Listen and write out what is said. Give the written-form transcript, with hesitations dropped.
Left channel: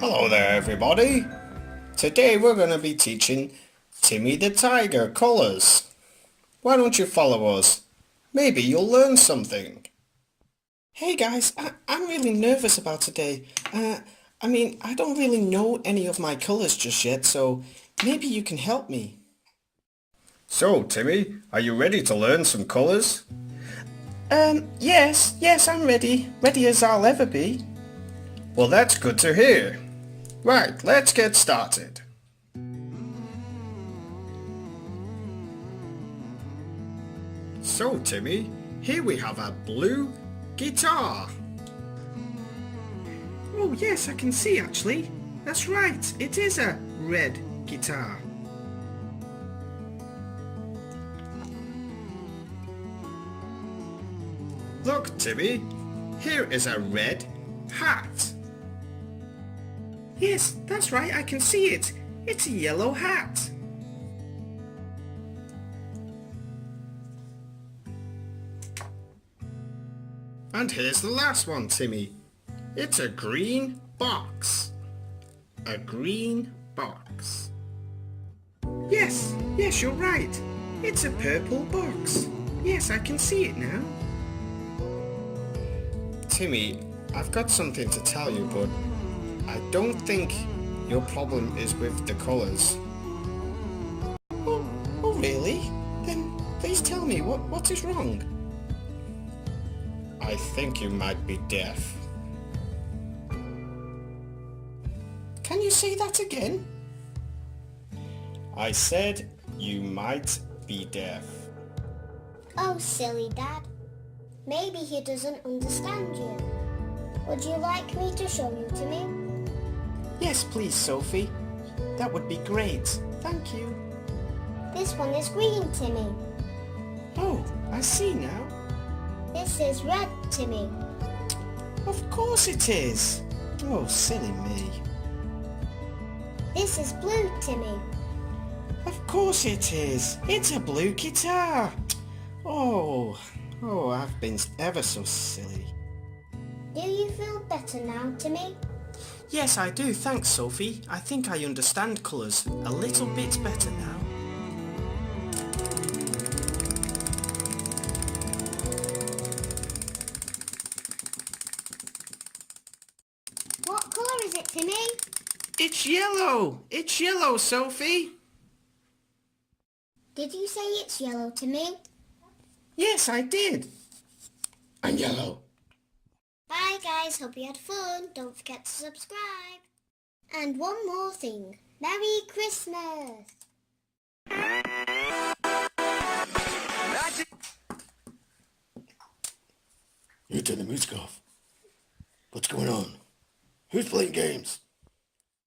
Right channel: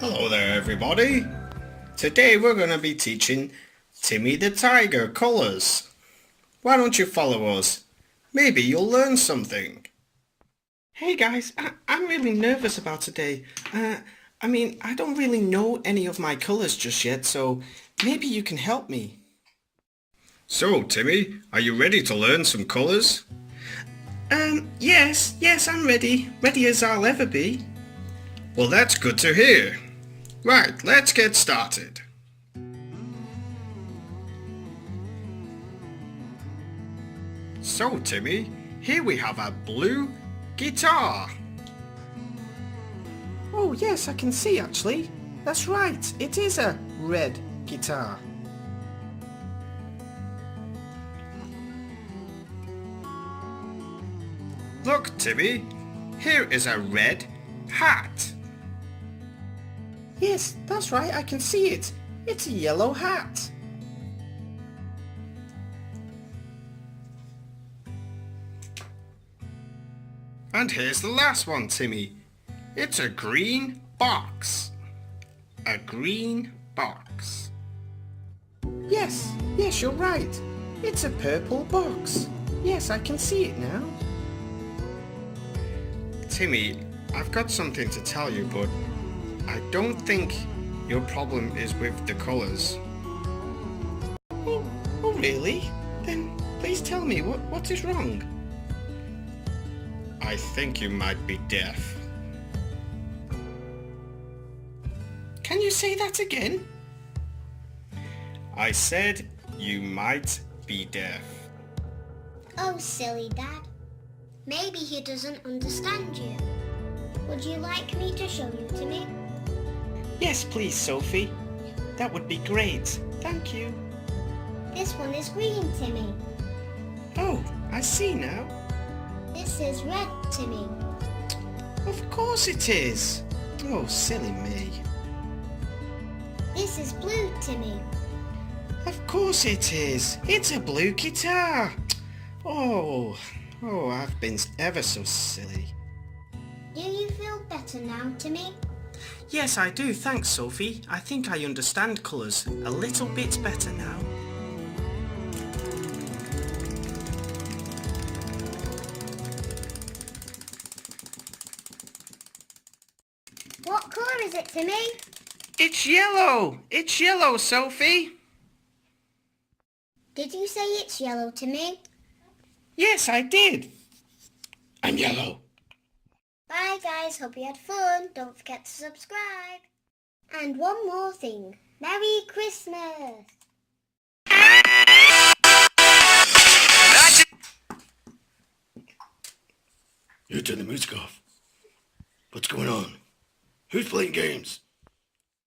Hello there everybody. Today we're going to be teaching Timmy the Tiger colours. Why don't you follow us? Maybe you'll learn something. Hey guys, I'm really nervous about today. I don't really know any of my colours just yet, so maybe you can help me. So Timmy, are you ready to learn some colours? Yes, I'm ready. Ready as I'll ever be. Well, that's good to hear. Right, let's get started. So Timmy, here we have a blue guitar. Oh yes, I can see actually. That's right, it is a red guitar. Look Timmy, here is a red hat. Yes, that's right, I can see it. It's a yellow hat. And here's the last one, Timmy. It's a green box. A green box. Yes, you're right. It's a purple box. Yes, I can see it now. Timmy, I've got something to tell you, but I don't think your problem is with the colours. Oh really? Then please tell me, what is wrong? I think you might be deaf. Can you say that again? I said you might be deaf. Oh, silly Dad. Maybe he doesn't understand you. Would you like me to show you to me? Yes, please, Sophie. That would be great. Thank you. This one is green, Timmy. Oh, I see now. This is red, Timmy. Of course it is. Oh, silly me. This is blue, Timmy. Of course it is. It's a blue guitar. Oh, I've been ever so silly. Do you feel better now, Timmy? Yes, I do. Thanks, Sophie. I think I understand colours a little bit better now. What colour is it, Timmy? It's yellow. It's yellow, Sophie. Did you say it's yellow, Timmy? Yes, I did. I'm yellow. Bye, guys. Hope you had fun. Don't forget to subscribe. And one more thing. Merry Christmas! You turn the music off. What's going on? Who's playing games?